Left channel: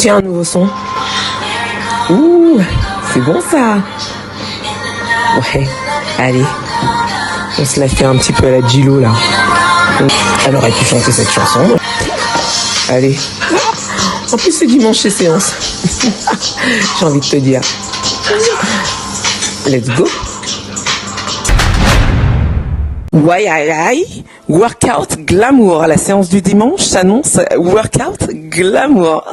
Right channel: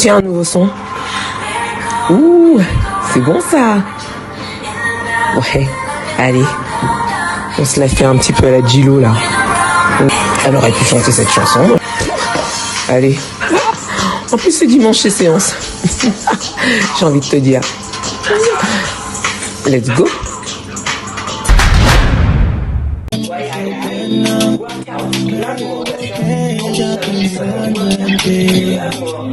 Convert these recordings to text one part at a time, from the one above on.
Tiens, un nouveau son. Ouh, c'est bon ça. Ouais, allez. On se la fait un petit peu à la Gilo là. Elle aurait pu chanter cette chanson. Allez. En plus c'est dimanche chez Séance. J'ai envie de te dire. Let's go. Ouais, aïe, aïe. Workout glamour. La séance du dimanche s'annonce workout glamour.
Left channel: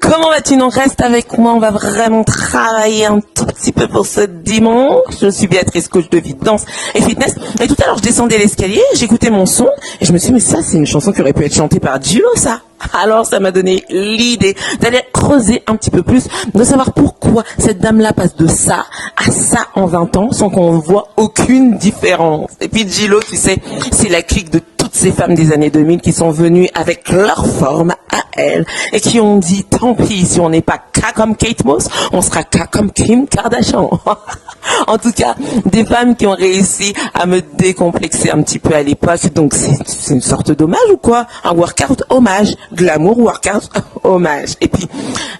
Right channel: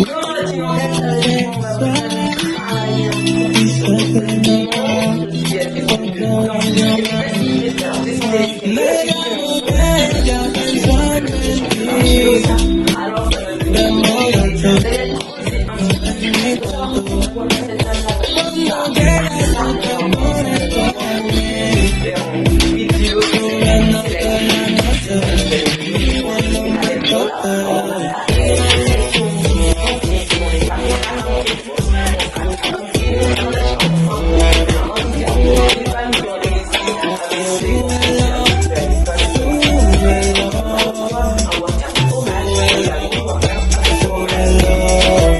Comment vas-tu? Non, reste avec moi. On va vraiment travailler un tout petit peu pour ce dimanche. Je suis Béatrice, coach de danse et fitness. Mais tout à l'heure, je descendais l'escalier, j'écoutais mon son et je me suis dit, mais ça, c'est une chanson qui aurait pu être chantée par Gilo, ça. Alors, ça m'a donné l'idée d'aller creuser un petit peu plus, de savoir pourquoi cette dame-là passe de ça à ça en 20 ans sans qu'on voit aucune différence. Et puis Gilo, tu sais, c'est la clique de toutes ces femmes des années 2000 qui sont venues avec leur forme à elles et qui ont dit, tant pis, si on n'est pas K comme Kate Moss, on sera K comme Kim Kardashian. En tout cas, des femmes qui ont réussi à me décomplexer un petit peu à l'époque. Donc c'est une sorte d'hommage ou quoi? Un workout hommage. Glamour workout hommage. Et puis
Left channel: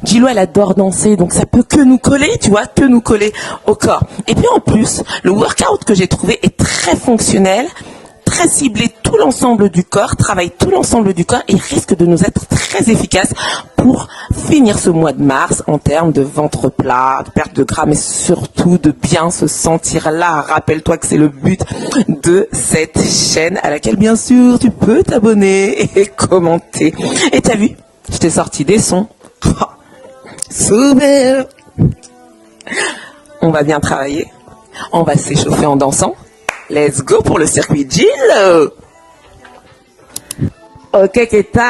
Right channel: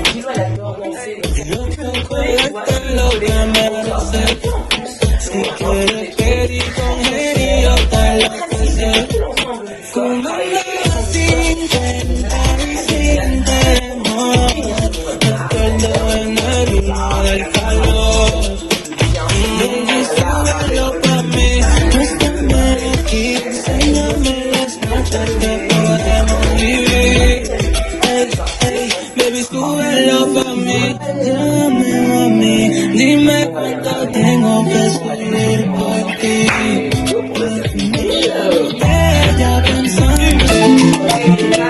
Gilo, elle adore danser, donc ça peut que nous coller, tu vois, que nous coller au corps. Et puis en plus, le workout que j'ai trouvé est très fonctionnel, très ciblé, tout l'ensemble du corps, travaille tout l'ensemble du corps et risque de nous être très efficace pour finir ce mois de mars en termes de ventre plat, perte de gras, mais surtout de bien se sentir là. Rappelle-toi que c'est le but de cette chaîne à laquelle bien sûr tu peux t'abonner et commenter. Et t'as vu, je t'ai sorti des sons. Oh, super. On va bien travailler, on va s'échauffer en dansant. Let's go pour le circuit Gilo. Ok, qu'est-ce que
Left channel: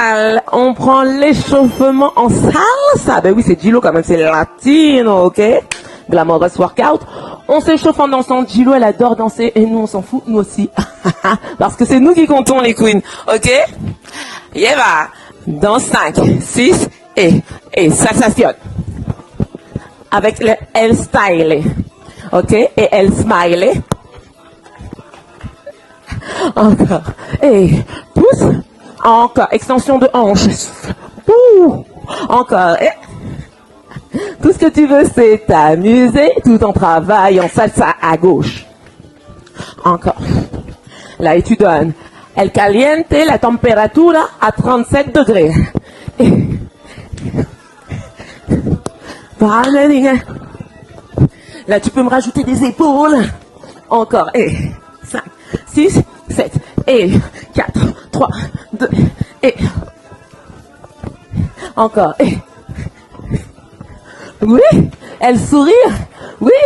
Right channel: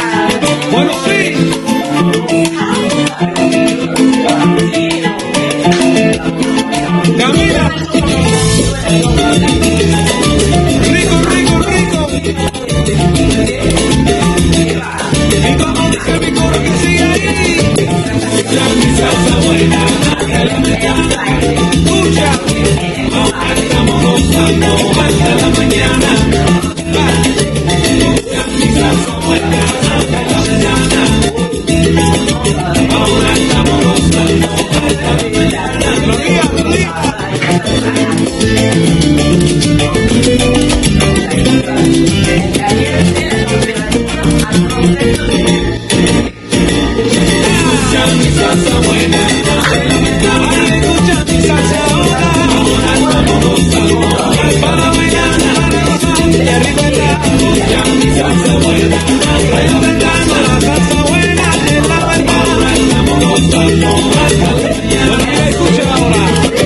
on prend l'échauffement en salsa. Mais oui, c'est Gilo quand même, c'est latino, ok? La mode workout. On s'échauffe en dansant. Gilo, elle adore danser. Et nous, on s'en fout aussi. Parce que c'est nous qui comptons les queens, ok? Yeva, dans 5, 6 et sensation. Avec le L styling, ok? Et L styling. Encore, et pousse. Encore, extension de hanche. Encore, et tout ce que tu veux, c'est t'amuser. Tout en travail, en salsa à gauche. Encore. Là, tu donnes. El caliente, la temperatura a 37 degrés. Amén. La temperature cool. Encore. Et 6, 7, et 4, 3, 2, et. Encore. Et. Oui. Elle sourit. Oui.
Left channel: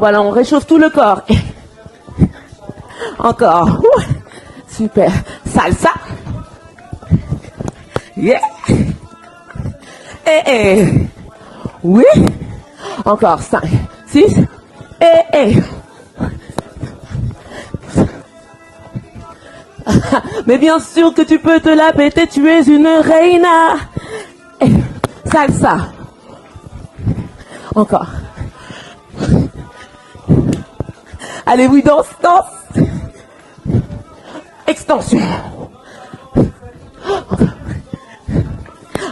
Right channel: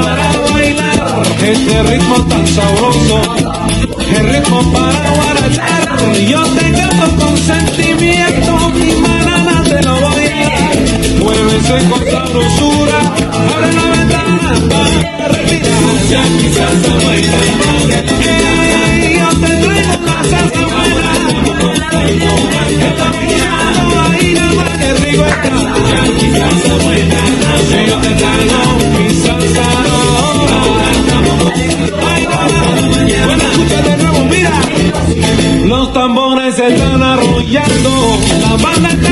Voilà, on retrouve tout le corps. Encore. Super. Salsa. Yeah. Oui. Encore. 5, 6. Mais bien sûr que tu peux te la péter, tu es une reina. Salsa. Encore. Allez, oui, danse. Extension.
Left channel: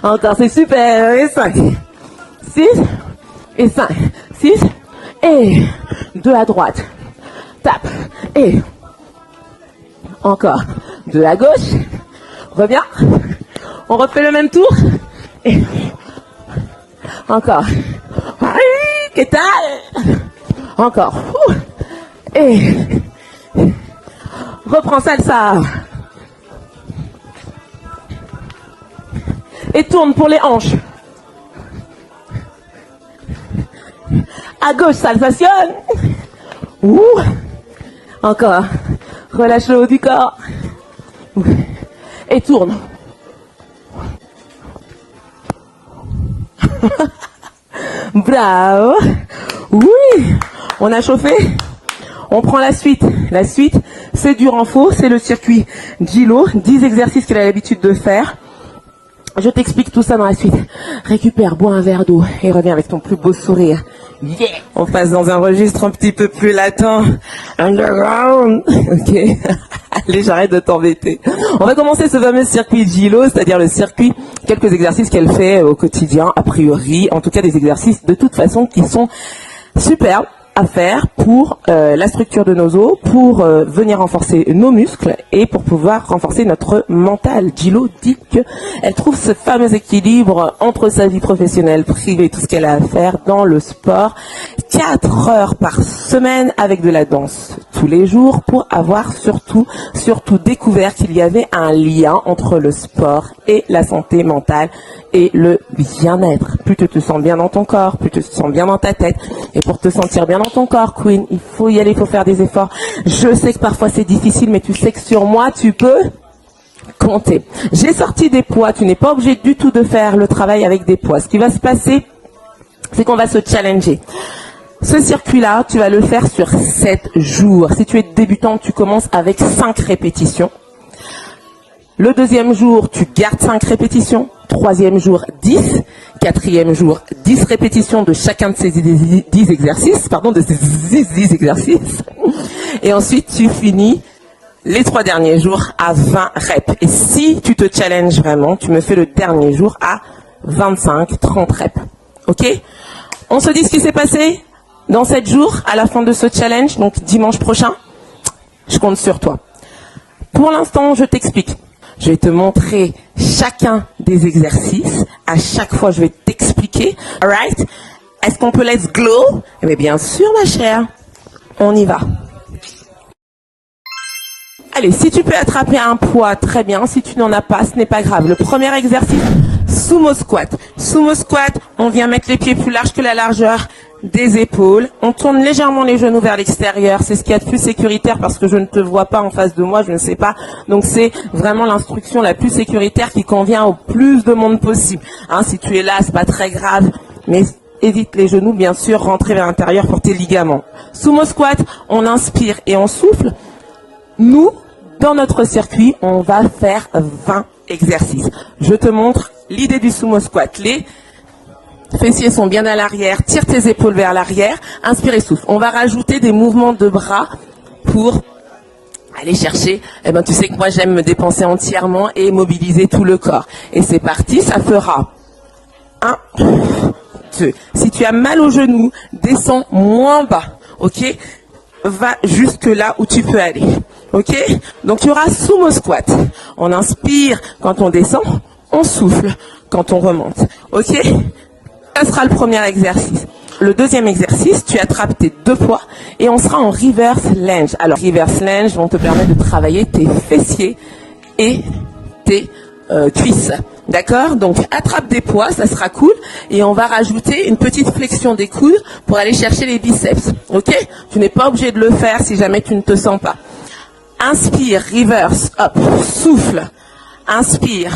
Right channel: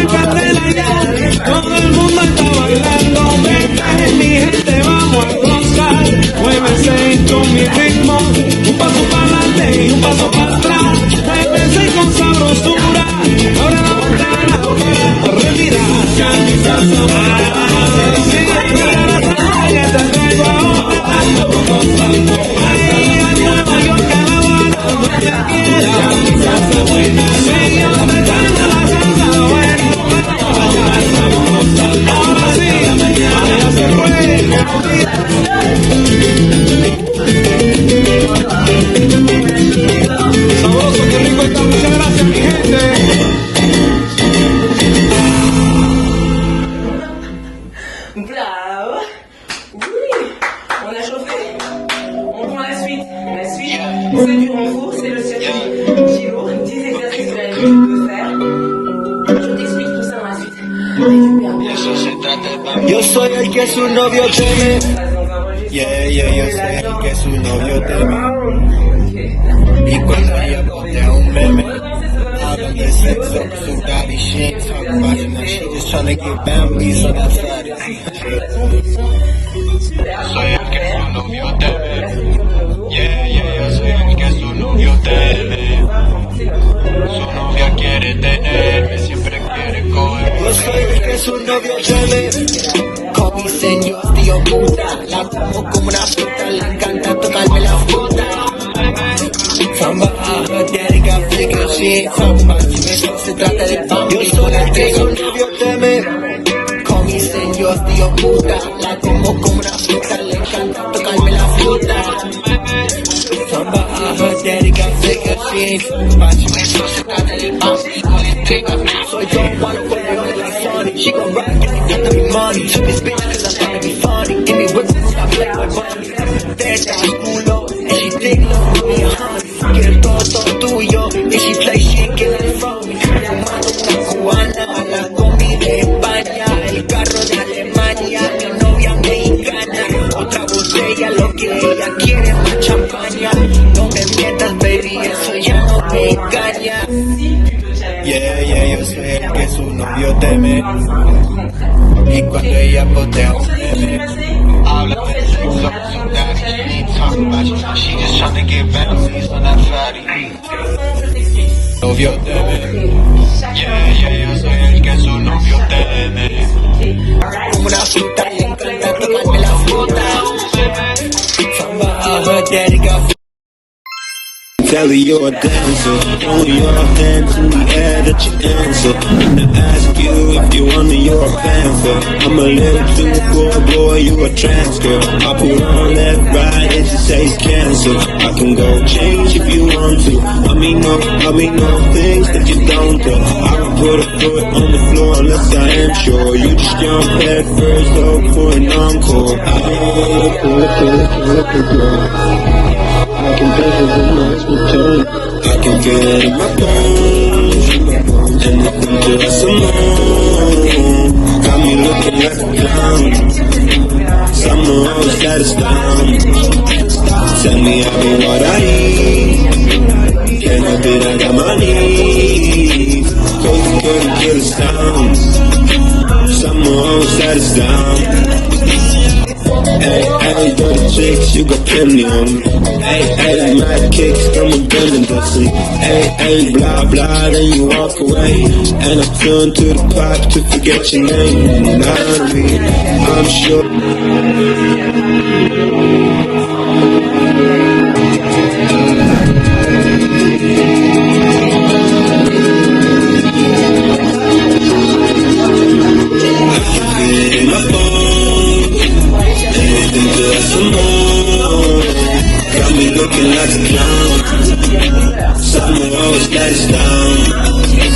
Encore, c'est super. Et 5. 6. Et 5. 6. Et 2 à droite. 4. Et. Encore. 2 à gauche. Va bien. On refait le même tour. Encore. Et ça. Encore. Et. Reprends ça. Et tourne pour les hanches. À gauche, ça passionne. Ouh. Encore. Relâche le haut du corps. Et tourne. Bravo. Oui. On a chauffé. On prend la suite. La suite, c'est du renfort. C'est le circuit Gilo. 10 exercices qu'elle a l'habitude de faire. Je t'explique tout ça dans la suite. Récupère, bois un verre d'eau et reviens avec un petit beau sourire. On passe dans un registre un petit peu plus latent. Underground. Ok. Allez, j'arrête de t'embêter. On va commencer ce fameux circuit Gilo, c'est-à-dire le circuit, quelques exercices qu'elle fait au quotidien, a priori. En tout cas, des exercices de toute façon qui sont superbes à faire pour la structure de nos os, pour venir renforcer nos muscles et pour pouvoir renforcer notre mental. Gilo dit qu'elle trouve ce fameux équilibre entre sa vie professionnelle, privée, tout ce qu'elle a à faire dans le sport, 4 heures par semaine avec de la danse tous les jours pour avoir surtout découvert qu'il y avait un lien entre le sport et la santé mentale et le bien-être. Plus que tu te sens bien dans ton corps, plus que tu te sens bien dans ta tête, et pour te sentir bien dans ton corps, il faut y aller pour faire des efforts. Je sais que parfois c'est difficile, mais tu sais que sur moi, tu peux compter. J'ai sorti des poids, tu n'es pas obligé du tout de faire le travail avec des poids. Ce qui va se passer, c'est qu'on va se challenger. Ce circuit-là, tu vas le faire sur 7 jours. Si tu es débutant, tu commences avec 5 répétitions. Le deuxième jour, tu gardes 5 répétitions. Troisième jour, 10. Quatrième jour, 10 répétitions de chacun de ces 10 exercices. Pardon, de ces 10 exercices. Et ensuite, tu finis les 3 derniers jours à 20 reps. Et si tu te challenges vraiment, tu me fais le dernier jour à 25-30 reps. Ok? On se dit ce qui s'est passé dans 7 jours à la fin de ce challenge, donc dimanche prochain. Je compte sur toi. Pour l'instant, je t'explique. Je vais te montrer chacun des exercices. À chaque fois, je vais t'expliquer. Alright? Est-ce qu'on peut let's glow? Mais bien sûr, ma chère. On y va. Allez, si tu peux attraper un poids, très bien. Si tu n'en as pas, ce n'est pas grave. Le premier exercice, sumo squat. Sumo squat, on vient mettre les pieds plus larges que la largeur des épaules. On tourne légèrement les genoux vers l'extérieur. C'est ce qu'il y a de plus sécuritaire parce que je ne te vois pas en face de moi, je ne sais pas. Donc c'est vraiment l'instruction la plus sécuritaire qui convient au plus de monde possible. Hein, si tu es là, c'est pas très grave. Évite les genoux, bien sûr, rentrer vers l'intérieur pour tes ligaments. Sumo squat, on inspire et on souffle. Nous, dans notre circuit, on va faire 20 exercices. Je te montre l'idée du sumo squat. Tes pieds sont bien à l'arrière, tire tes épaules vers l'arrière, inspire et souffle. On va rajouter des mouvements de bras pour les chercher. Et ben tu sais que moi j'aime me dépenser entièrement et immobiliser tout le corps. Et c'est parti, ça fera 1, 2. Si tu as mal aux genoux, descends moins bas. Ok? Va jusque là où tu peux aller. Ok? Donc il y aura sumo squat. On inspire quand on descend, on souffle quand on remonte. Ok? Ça sera le premier exercice. Le deuxième exercice, tu attrapes tes 2 poids et on sera en reverse lunge. Alors reverse lunge, on te permet de travailler tes fessiers et tes cuisses. D'accord? Donc attrape tes poids, ça sera cool. Et on va rajouter une petite flexion des coudes pour aller chercher les biceps. Ok? Tu n'es pas obligé de le faire si jamais tu ne te sens pas. Inspire, reverse, up, souffle. Inspire,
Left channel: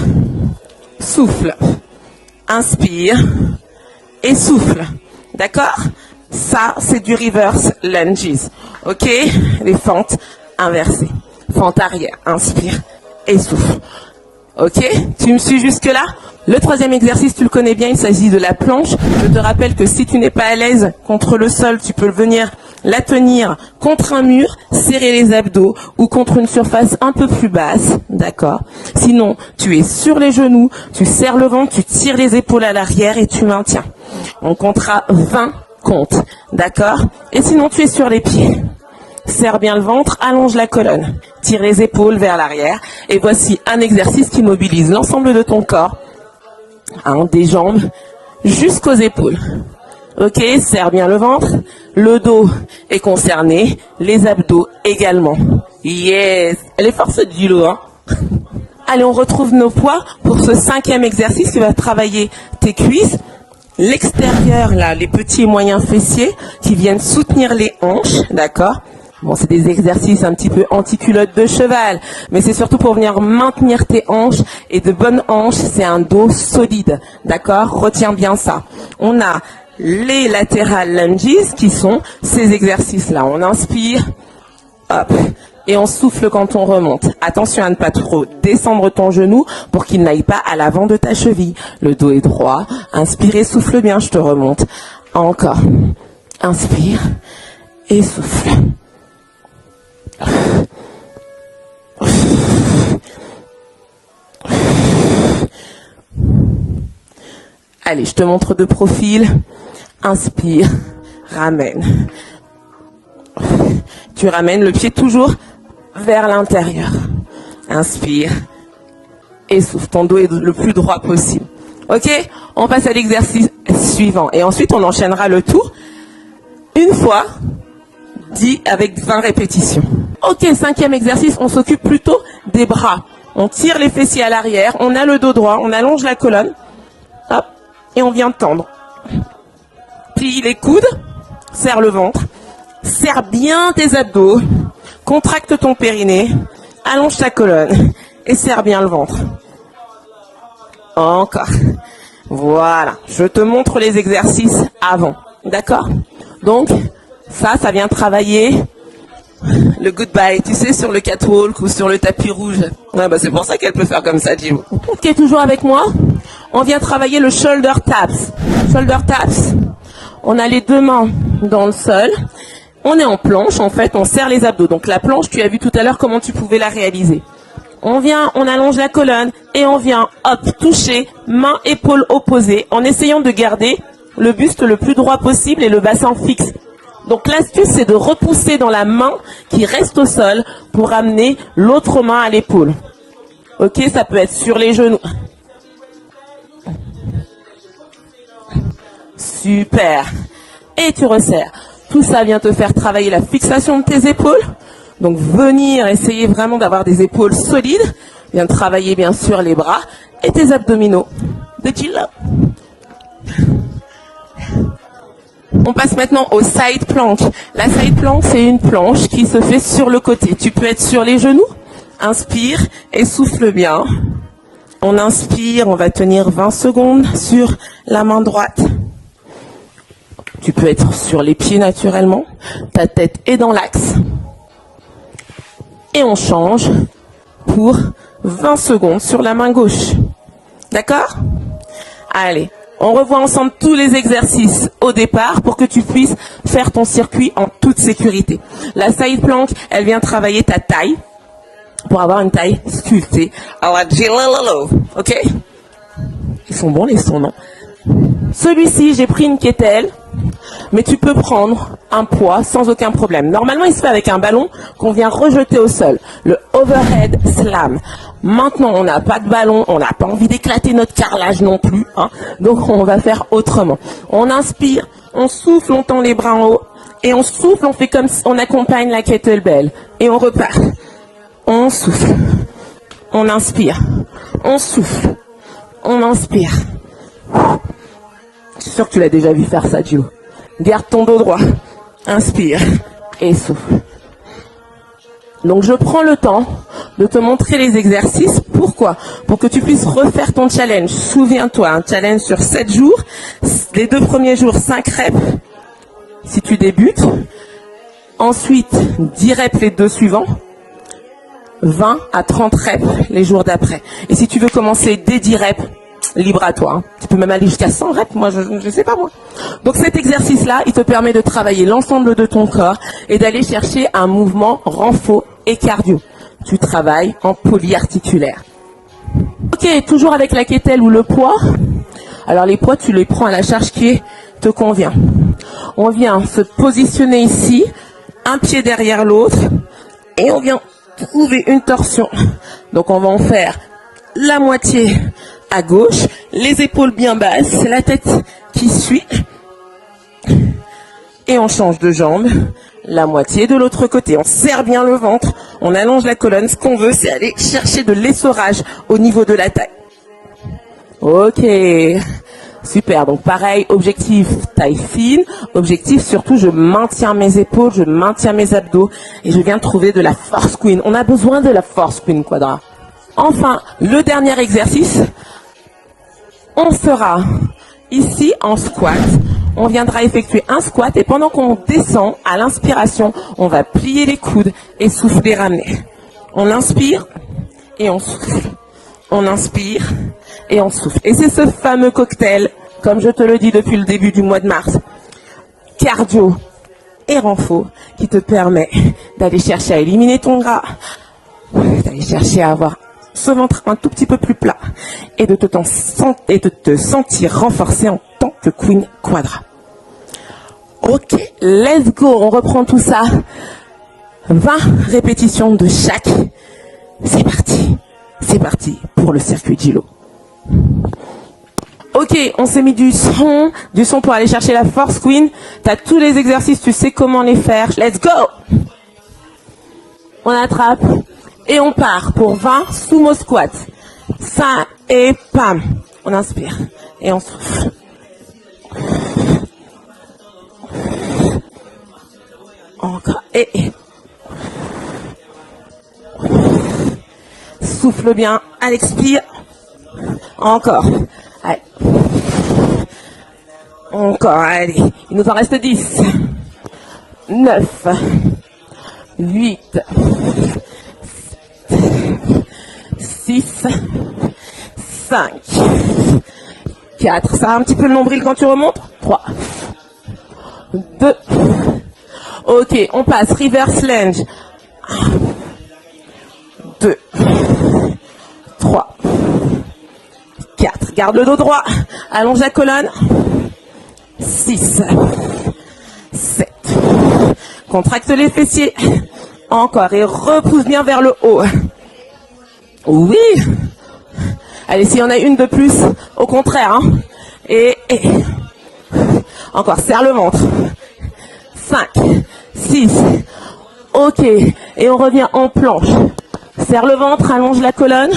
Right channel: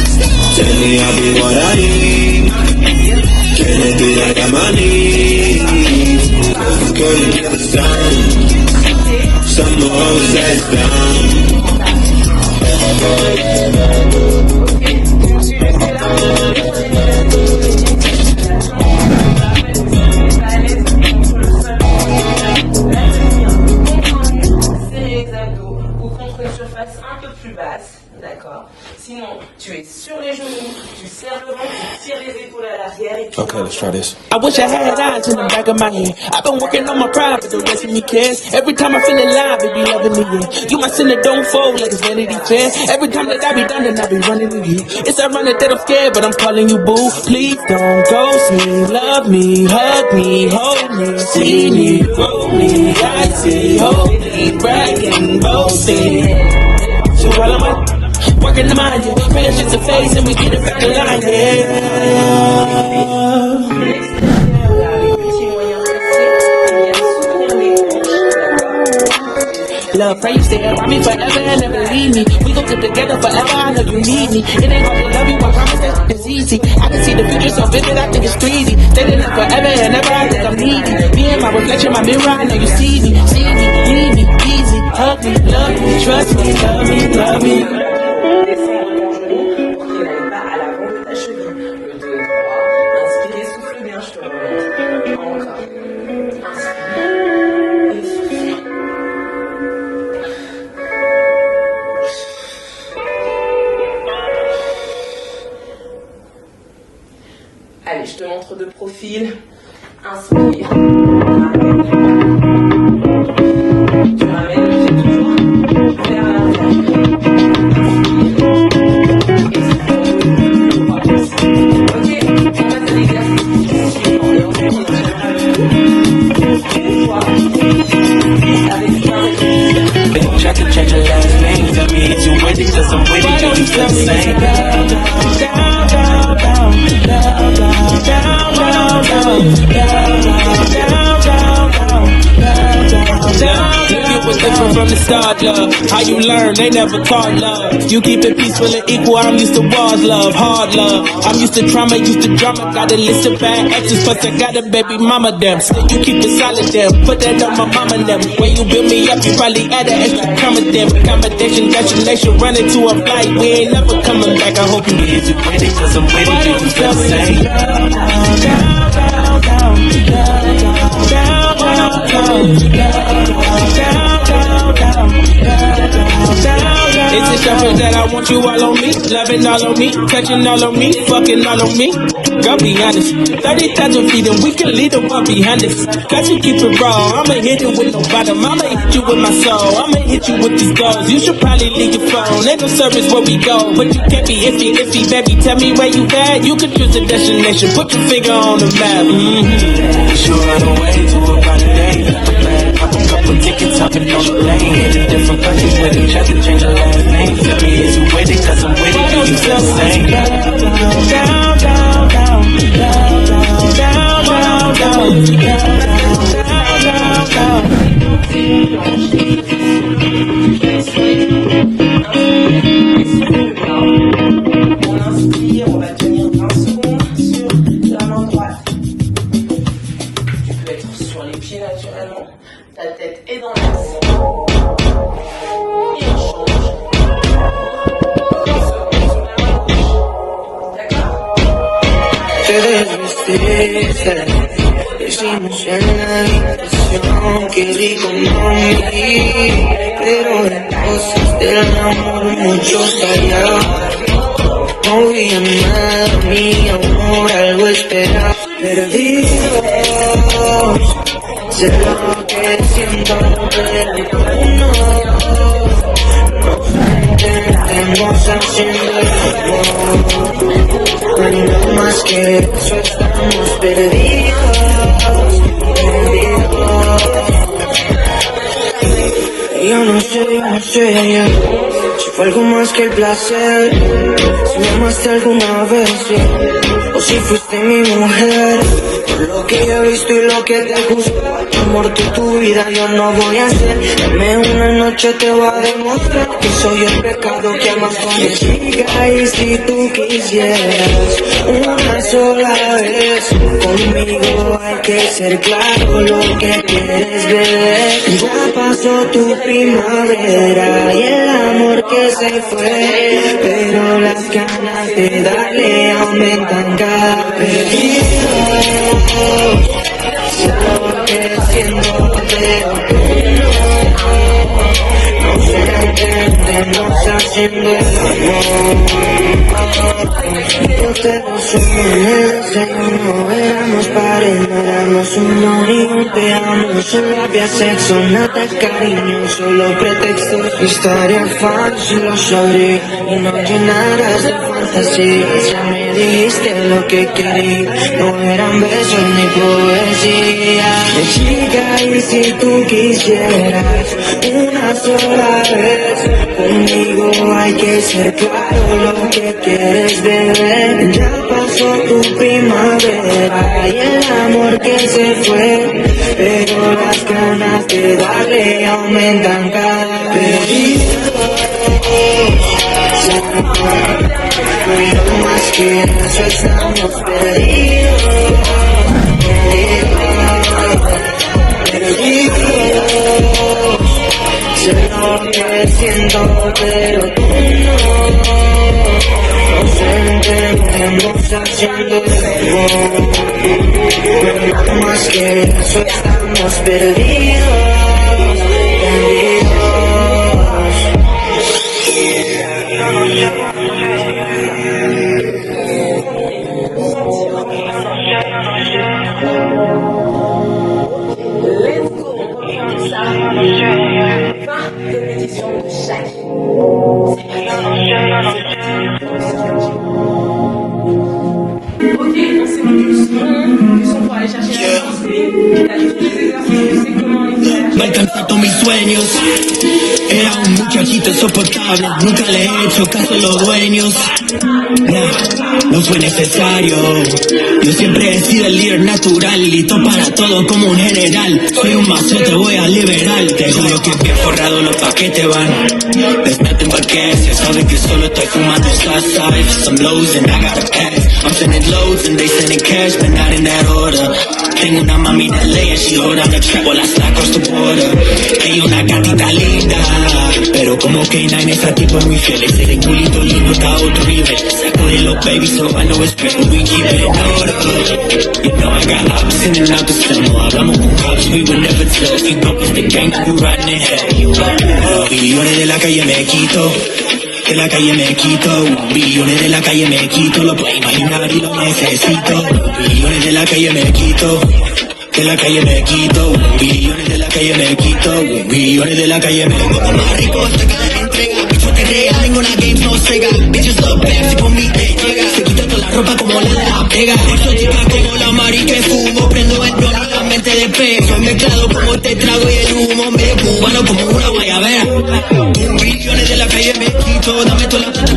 souffle. Inspire et souffle. D'accord? Ça, c'est du reverse lunge. Ok? Et pente inverse. Pente arrière. Inspire et souffle. Ok, tu me suis jusque là? Le troisième exercice, tu le connais bien, il s'agit de la planche. Je te rappelle que si tu n'es pas à l'aise contre le sol, tu peux venir la tenir contre un mur, serrer les abdos ou contre une surface un peu plus basse, d'accord? Sinon, tu es sur les genoux, tu serres le ventre, tu tires les épaules à l'arrière et tu maintiens. On comptera 20 comptes, d'accord? Et sinon, tu es sur les pieds. Serre bien le ventre, allonge la colonne, tire les épaules vers l'arrière. Et voici un exercice qui mobilise l'ensemble de ton corps, des jambes jusqu'aux épaules. Ok, serre bien le ventre, le dos est concerné, les abdos également. Yes, elle est forte cette vidéo, hein. Allez, on retrouve nos poids pour ce 5e exercice. Tu vas travailler tes cuisses, l'extérieur là, les petits et moyens fessiers qui viennent soutenir les hanches, d'accord? Bon, c'est des exercices un petit peu anti-culotte de cheval, mais c'est surtout pour venir maintenir tes hanches, et de bonnes hanches, c'est un dos solide, d'accord? Retiens bien ça. On a les latéral lunges, qui sont ces exercices-là. On inspire, Hop. Et on souffle quand on remonte. Attention à ne pas trop descendre ton genou pour qu'il n'aille pas à l'avant de ta cheville. Le dos est droit. Inspire et souffle bien, je te remonte. Encore. Inspire et souffle. Allez, je te montre de profil. Inspire, ramène. Tu ramènes le pied toujours vers l'intérieur. Inspire et souffle. Ton dos est le plus droit possible. Ok, on passe à l'exercice suivant. Et ensuite, on enchaînera le tout une fois, 10 avec 20 répétitions. Ok, 5e exercice, on s'occupe plutôt des bras. On tire les fessiers à l'arrière, on a le dos droit, on allonge la colonne. Hop, et on vient tendre. Plie les coudes, serre le ventre. Serre bien tes abdos, contracte ton périnée, allonge ta colonne et serre bien le ventre. Encore. Voilà, je te montre les exercices avant. D'accord. Donc, ça vient travailler le plus bas glissé sur le capot ou sur le tapis. C'est pour ça qu'elle peut faire comme ça. Ok, toujours avec moi. On vient travailler le shoulder taps. Shoulder taps. On a les deux mains dans le sol. On est en planche, en fait, on serre les abdos. Donc la planche, tu as vu tout à l'heure comment tu pouvais la réaliser. On vient, on allonge la colonne et on vient hop, toucher main, épaule opposée en essayant de garder le buste le plus droit possible et le bassin fixe. Donc l'astuce, c'est de repousser dans la main qui reste au sol pour ramener l'autre main à l'épaule. Ok, ça peut être sur les genoux. Super. Et tu resserres. Tout ça vient te faire travailler la fixation de tes épaules. Donc venir essayer vraiment d'avoir des épaules solides. De travailler bien sûr les bras et tes abdominaux. Petit pas. On passe maintenant au side planche. La side planche, c'est une planche qui se fait sur le côté. Tu peux être sur les genoux. Inspire et souffle bien. On inspire, on va tenir 20 secondes sur la main droite. Tu peux être sur les pieds naturellement. Ta tête est dans l'axe. Et on change pour 20 secondes sur la main gauche. D'accord ? Allez, on revoit ensemble tous les exercices au départ pour que tu puisses faire ton circuit en toute sécurité. La side plank, elle vient travailler ta taille pour avoir une taille souple. Ok. C'est bon, ils sont bons. Celui-ci, j'ai pris une kettlebell, mais tu peux prendre un poids sans aucun problème. Normalement, il se fait avec un ballon qu'on vient rejeter au sol. Le overhead slam. Maintenant, on n'a pas de ballon, on n'a pas envie d'éclater notre carrelage non plus. Donc on va faire autrement. On inspire, on souffle, on tend les bras en haut et on souffle, on fait comme si on accompagne la kettlebell et on repart. On souffle, on inspire, on souffle, on inspire. Sûr que tu l'as déjà vu faire ça. Garde ton dos droit. Inspire. Donc je prends le temps de te montrer les exercices. Pourquoi ? Pour que tu puisses refaire ton challenge. Souviens-toi, un challenge sur 7 jours. Les 2 premiers jours, 5 reps. Si tu débutes. Ensuite, 10 reps les 2 suivants. 20 à 30 reps les jours d'après. Et si tu veux commencer dès 10 reps, libre à toi. Tu peux même aller jusqu'à 100 reps. Donc cet exercice-là, il te permet de travailler l'ensemble de ton corps et d'aller chercher un mouvement en faux et cardio. Tu travailles en polyarticulaire. Ok, toujours avec la kettlebell ou le poids. Alors les poids, tu les prends à la charge qui te convient. On vient se positionner ici, un pied derrière l'autre, et on vient poser une torsion. Donc on va en faire la moitié à gauche, les épaules bien basses, la tête qui suit. Et on change de jambe, la moitié de l'autre côté. On serre bien le ventre, on allonge la colonne. Ce qu'on veut, c'est aller chercher de l'efforage au niveau de la taille. Ok, super. Donc pareil, objectif taille fine. Objectif surtout, je maintiens mes épaules, je maintiens mes abdos. Je viens trouver de la force. On a besoin de la force qu'il nous faudra. Enfin, le dernier exercice, on sera ici en squat. On viendra effectuer un squat et pendant qu'on descend à l'inspiration, on va plier les coudes et souffler la main. On inspire et on souffle. On inspire et on souffle. Et c'est ce fameux cocktail, comme je te le dis depuis le début du mois de mars, cardio et renfort, qui te permet d'aller chercher à éliminer ton gras, chercher à avoir ce ventre un tout petit peu plus plat et de te sentir renforcé en tant que Queen Quadra. Ok, let's go, on reprend tout ça. 20 répétitions de chaque. C'est parti pour le circuit Gilo. Ok, on s'est mis du son pour aller chercher la force Queen. T'as tous les exercices, tu sais comment les faire. Let's go! On attrape et on part pour 20 sumo squat. Ça et pam. No fue necesario. Yo siempre he sido el líder natural, listo para todo como un general. Soy un mazo, te voy a liberar. Te juro que bien forrado los paquetes van. Después de parque, se sabe que solo te fumas tu salsa. Some lows and I got the cash. I'm sending lows and they sending cash, but not in that order. Tengo una mami de ley, she hold on the trap while I slack across the border. Hay una gatita linda, pero como K9 esa tipo es muy fiel. Ese culito lindo está a otro nivel. Saco de los babies, so I know it's better we keep it. Ça a un petit peu de nombril quand tu remontes. Ok, on passe, reverse lunge. Billones de la calle me quito, de la calle me quito, billones de la calle me quito, lo garde le droit, allons la colonne. Billones de la calle me quito, 6. de la calle me quito, billones de la calle me Contracte les quito, fessiers. billones de la calle me Encore, et repousse bien vers le haut. Oui. Allez, si on a une de plus, au contraire. Hein. Et encore, serre le ventre. 5, 6. Ok, et on revient en planche. Serre le ventre, allonge la colonne,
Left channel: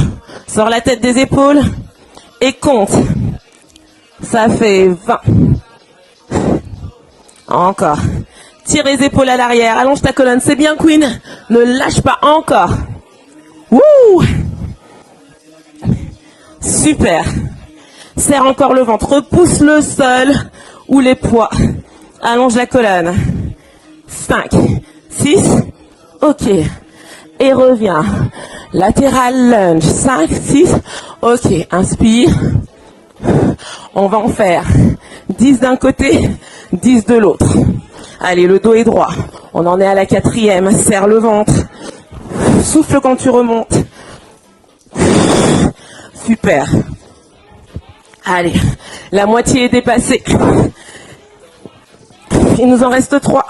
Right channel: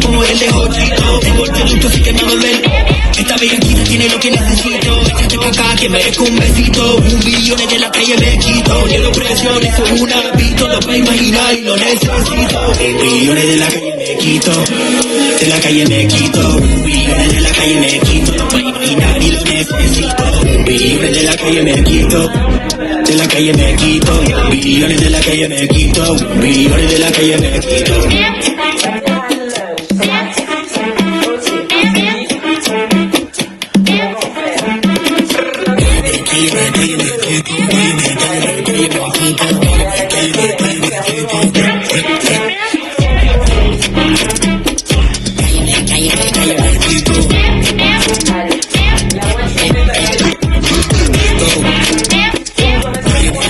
sur la tête des épaules, et compte. Ça fait 20. Encore. Tire les épaules à l'arrière, allonge ta colonne, c'est bien Queen. Ne lâche pas, encore. Wouh. Super. Serre encore le ventre, pousse le sol ou les poids. Allonge la colonne. 5, 6. Ok. Et reviens. Latéral lunge. 5, 6. Ok. Inspire. On va en faire 10 d'un côté, 10 de l'autre. Allez, le dos est droit. On en est à la 4e. Serre le ventre. Souffle quand tu remontes. Super. Allez, la moitié est dépassée. Il nous en reste 3.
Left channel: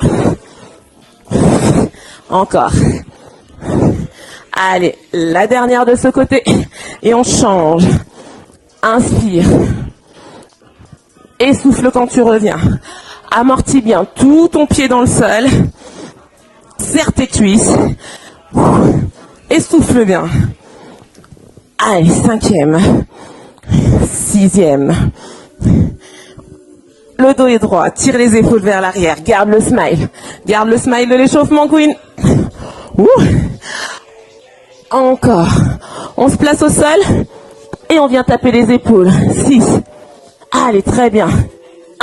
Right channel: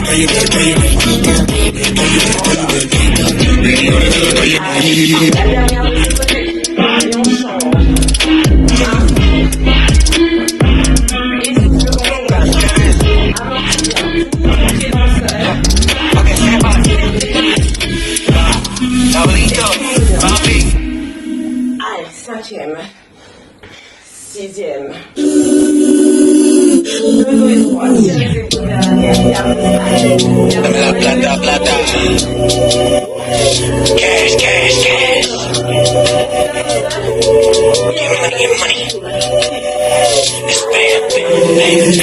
Encore. Allez, la dernière de ce côté. Et on change. Inspire. Et souffle quand tu reviens. Amortis bien tout ton pied dans le sol. Serre tes cuisses. Et souffle bien. Allez, 5e. 6e. Le dos est droit. Tire les épaules vers l'arrière. Garde le smile. Garde le smile de l'échauffement, Queen. Ouh. Encore. On se place au sol. Et on vient taper les épaules. 6. Allez, très bien. 1, 2,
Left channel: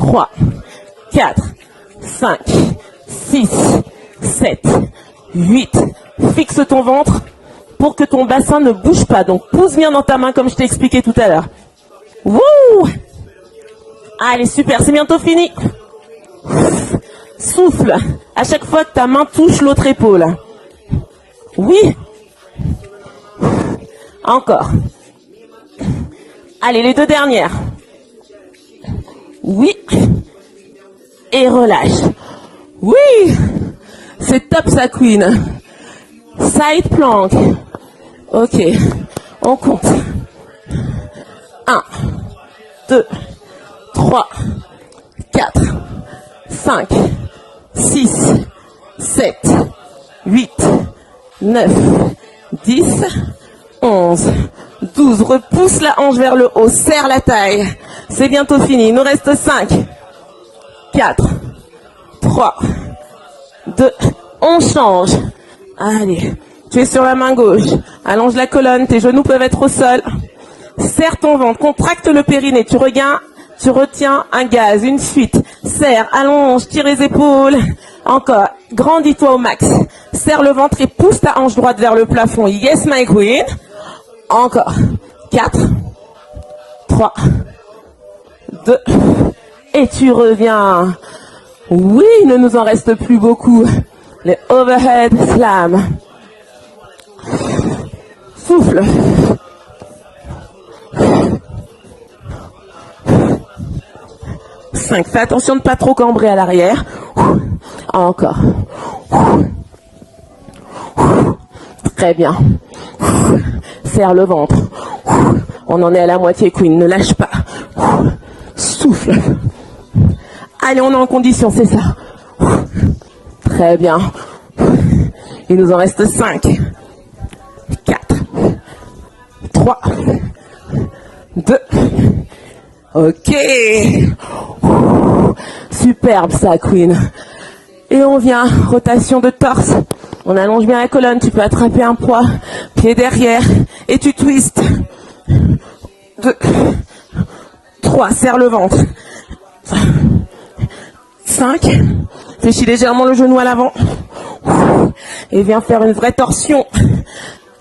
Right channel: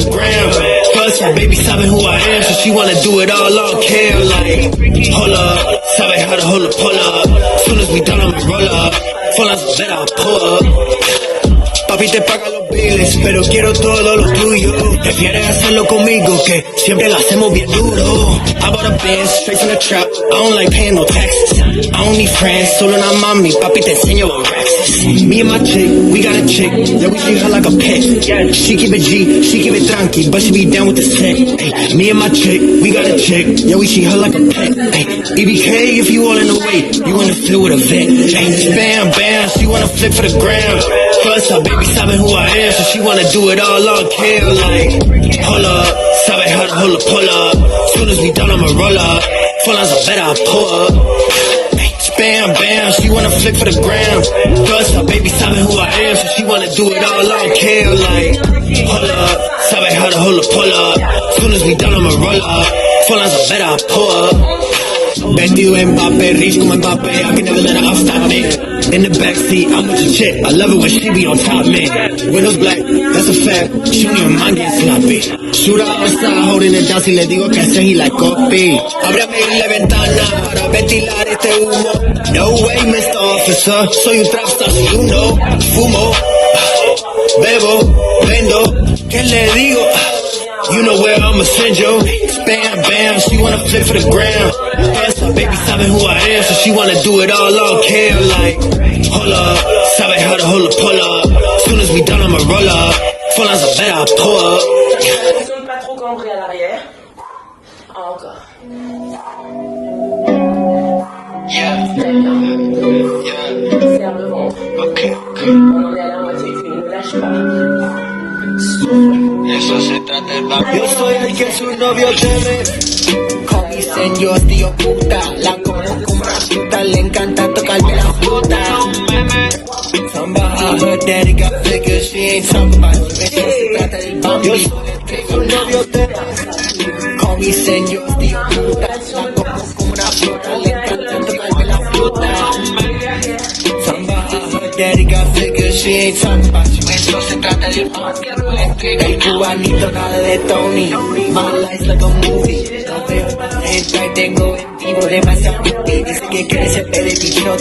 3, 4, 5, 6, 7, 8. Fixe ton ventre pour que ton bassin ne bouge pas. Donc, pousse bien dans ta main comme je t'ai expliqué tout à l'heure. Allez, super, c'est bientôt fini. Souffle. À chaque fois que ta main pousse l'autre épaule. Oui. Encore. Allez, les deux dernières. Et relâche. Oui. C'est top, ça Queen. Side planche. Okay. On repousse la hanche vers le haut, serre la taille. C'est bientôt fini, il nous reste 5, 4, 3, 2, on change. Tu es sur la main gauche. Allonge la colonne, tes genoux peuvent être au sol. Serre ton ventre, contracte le périnée. Tu retiens un gaz, une suite. Serre, allonge, tire les épaules. Encore, grandis-toi au max. Serre le ventre, tu pousses ta hanche droite vers le plafond. Yes, my queen. Encore. 4, 3, 2, et tu reviens. Oui, il ne nous en reste plus beaucoup. Le overhead slam. Souffle. 5. Fais attention de ne pas trop cambrer à l'arrière. Encore. Très bien. Serre le ventre. On en est à la moitié, Queen. Ne lâche pas. Souffle. Allez, on est en condition, c'est ça. Très bien. Il nous en reste 5. 4. 3. 2. Ok. Superbe ça, Queen. Et on vient, rotation de torse. On allonge bien la colonne, tu peux attraper un poids. Tu es derrière et tu twistes. 3, serre le ventre. 5, fléchis légèrement le genou à l'avant. Et viens faire une vraie torsion.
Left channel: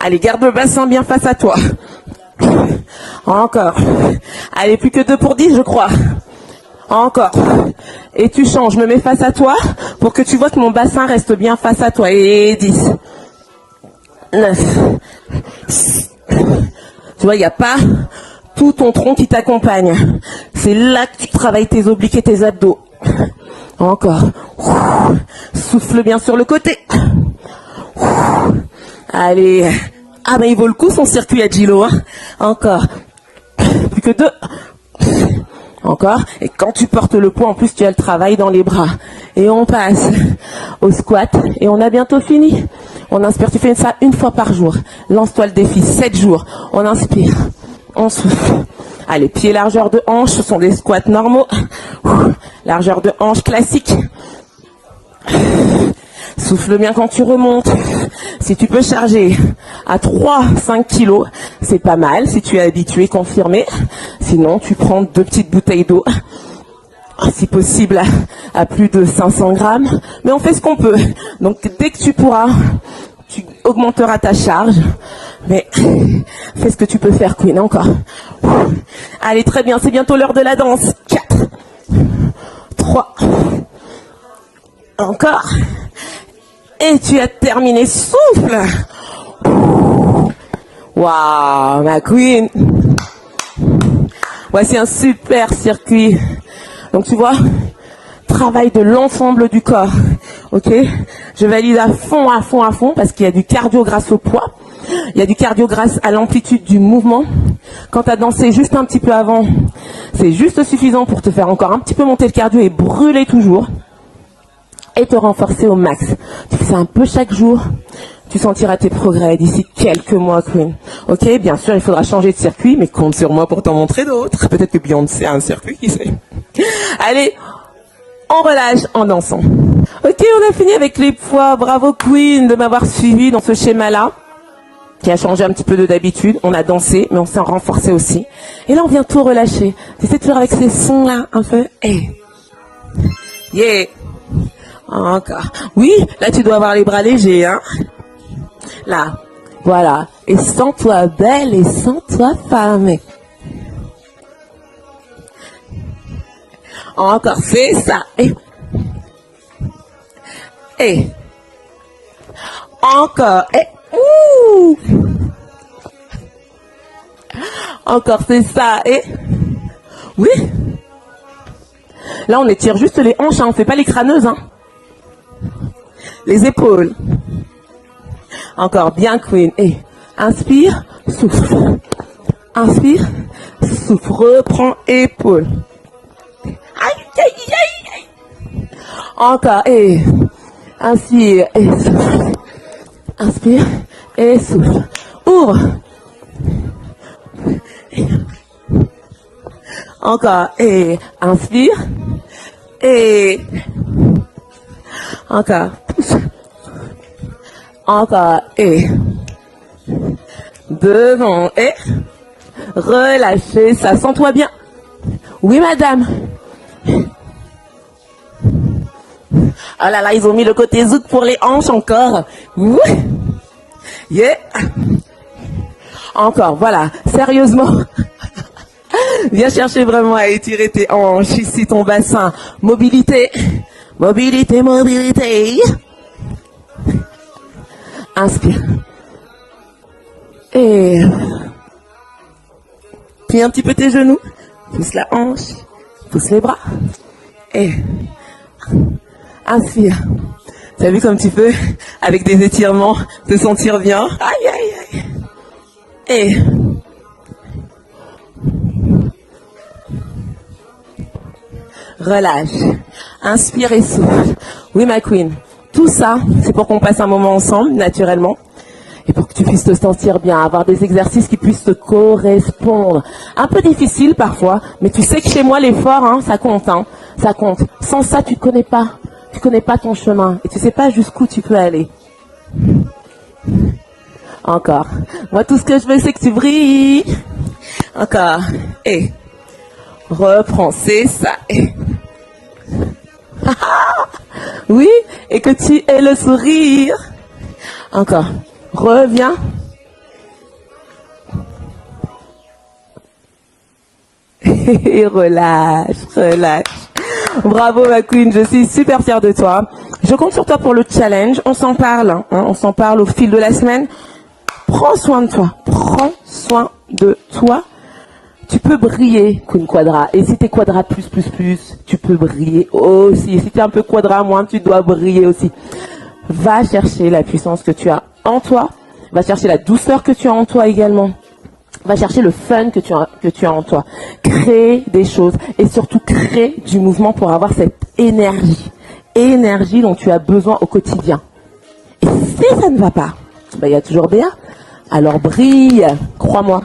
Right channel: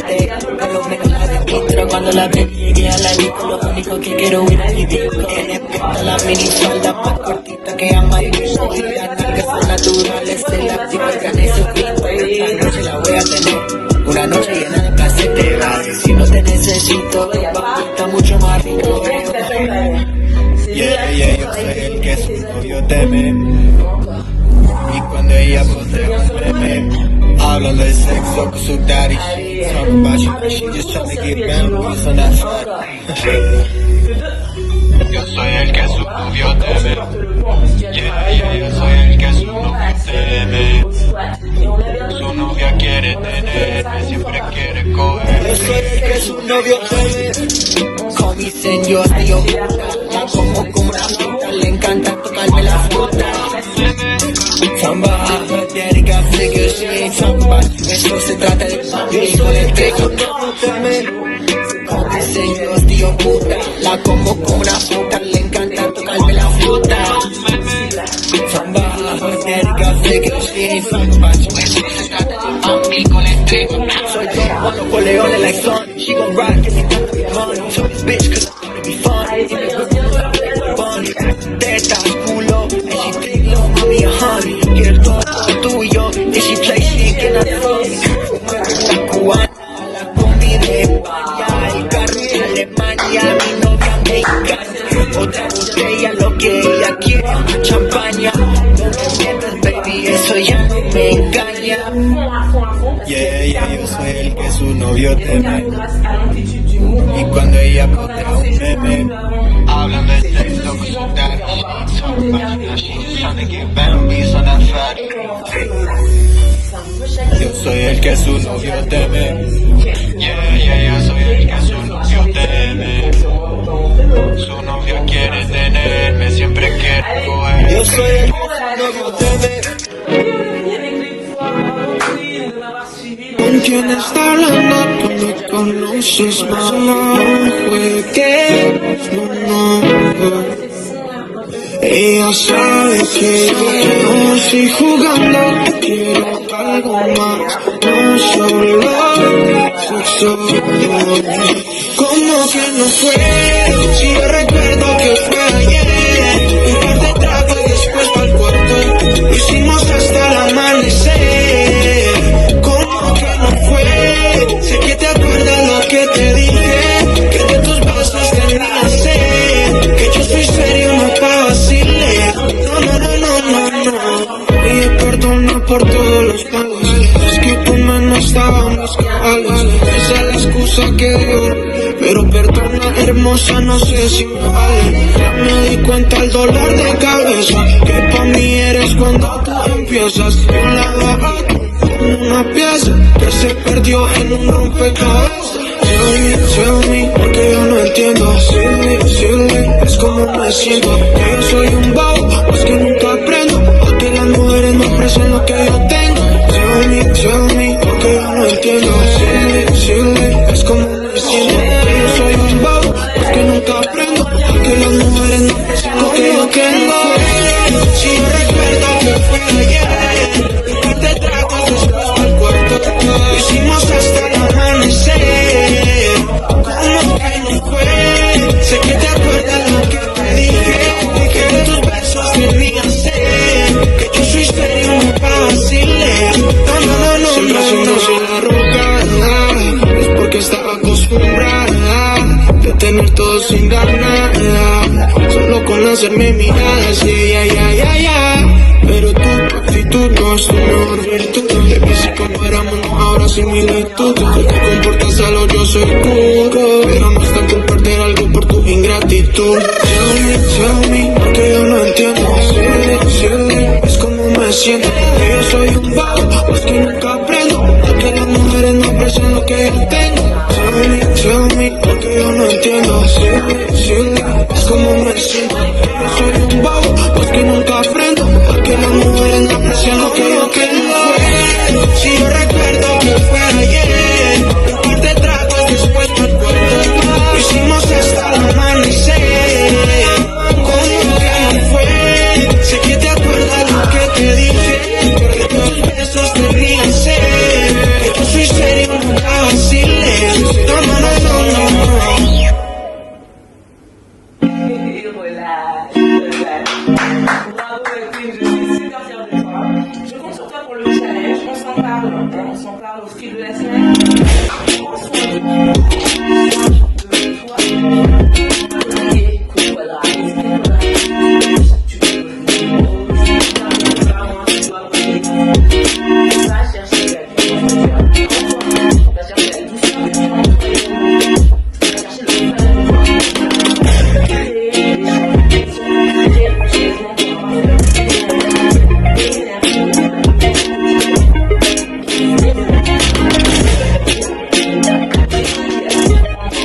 Allez, garde le bassin bien face à toi. Encore. Allez, plus que 2 pour 10, je crois. Encore. Et tu changes, je me mets face à toi pour que tu vois que mon bassin reste bien face à toi. Et 10. 9. Tu vois, il n'y a pas tout ton tronc qui t'accompagne. C'est là que tu travailles tes obliques et tes abdos. Encore. Souffle bien sur le côté. Allez. Ah bah il vaut le coup son circuit à Gilo. Hein. Encore. Plus que 2. Encore. Et quand tu portes le poids, en plus tu as le travail dans les bras. Et on passe au squat. Et on a bientôt fini. On inspire, tu fais ça une fois par jour. Lance-toi le défi, 7 jours. On inspire. On souffle. Allez, pied largeur de hanche, ce sont des squats normaux. Largeur de hanche classique. Souffle bien quand tu remontes. Si tu peux charger à 3-5 kilos, c'est pas mal si tu es habitué, confirmé. Sinon, tu prends 2 petites bouteilles d'eau. Si possible, à plus de 500 grammes. Et on fait ce qu'on peut. Donc, dès que tu pourras, tu augmenteras ta charge. Mais qu'est-ce que tu peux faire, Phil, encore? Allez, très bien, c'est bientôt l'heure de la danse. 4, 3, encore. Et tu as terminé. Souffle. Waouh, la queen. Voici un super circuit. Donc tu vois, travail de l'ensemble du corps. Ok, je valide à fond parce qu'il y a du cardio grâce au poids. Il y a du cardio grâce à l'amplitude du mouvement. Quand tu as dansé juste un petit peu avant, c'est juste suffisant pour te faire encore un petit peu monter le cardio et brûler toujours. Et te renforcer au max. C'est un peu chaque jour. Tu sentiras tes progrès d'ici quelques mois. Ok, bien sûr, il faudra changer de circuit, mais compte sur moi pour t'en montrer d'autres. Peut-être que tu en sais un circuit. Allez, on relâche en dansant. Ok, on a fini avec les poids. Bravo Queen de m'avoir suivi dans ce schéma-là. Il a changé un petit peu de d'habitude. On a dansé, mais on s'est renforcé aussi. Et là, on vient tout relâcher. Tu sais faire avec ces sons-là, un peu. Yeah. Oui, là, tu dois avoir les bras légers, hein. Là, voilà. Et sens-toi belle et sens-toi femme. Encore, c'est ça. Encore. Encore, c'est ça. Oui. Là, on étire juste les hanches, hein. On fait pas les crâneuses, hein. Les épaules. Encore, bien que. Inspire, souffle. Inspire, souffle. Reprends, épaule. Encore, et. Inspire, et souffle. Inspire, et souffle. Ouvre. Encore, et. Inspire. Et. Encore. Encore. Et devant. Et relâchez, ça sent-toi bien. Oui, madame. Oh là là, ils ont mis le côté zouk pour les hanches encore. Yeah. Encore, voilà, sérieusement. Viens chercher vraiment à étirer tes hanches, ici ton bassin. Mobilité, mobilité, mobilité. Inspire. Et un petit peu tes genoux. La hanche. Le bras. Inspire. T'as vu comme tu peux, avec tes étirements, te sentir bien. Aïe, aïe. Et relâche. Inspire et souffle. Oui, ma queen. Tout ça, c'est pour qu'on passe un moment ensemble, naturellement. Tu puisses te sentir bien, avoir des exercices qui puissent te correspondre. Un peu difficile parfois, mais tu sais que chez moi, l'effort, hein, ça compte, hein. Ça compte. Sans ça, tu connais pas ton chemin. Tu sais pas jusqu'où tu peux aller. Encore. Moi, tout ce que je veux, c'est que tu brilles. Encore. Et reprends, c'est ça. Oui, et que tu aies le sourire. Encore. Reviens. Et relâche, relâche. Bravo ma queen, je suis super fière de toi. Je compte sur toi pour le challenge. On s'en parle, hein, on s'en parle au fil de la semaine. Prends soin de toi. Prends soin de toi. Tu peux briller, Queen Quadra. Et si t'es Quadra plus, tu peux briller aussi. Si t'es un peu Quadra moins, tu dois briller aussi. Va chercher la puissance que tu as en toi. Va chercher la douceur que tu as en toi également. Va chercher le fun que tu as en toi. Crée des choses et surtout crée du mouvement pour avoir cette énergie. Énergie dont tu as besoin au quotidien. Et si ça ne va pas, ça va toujours bien. Alors brille, crois-moi.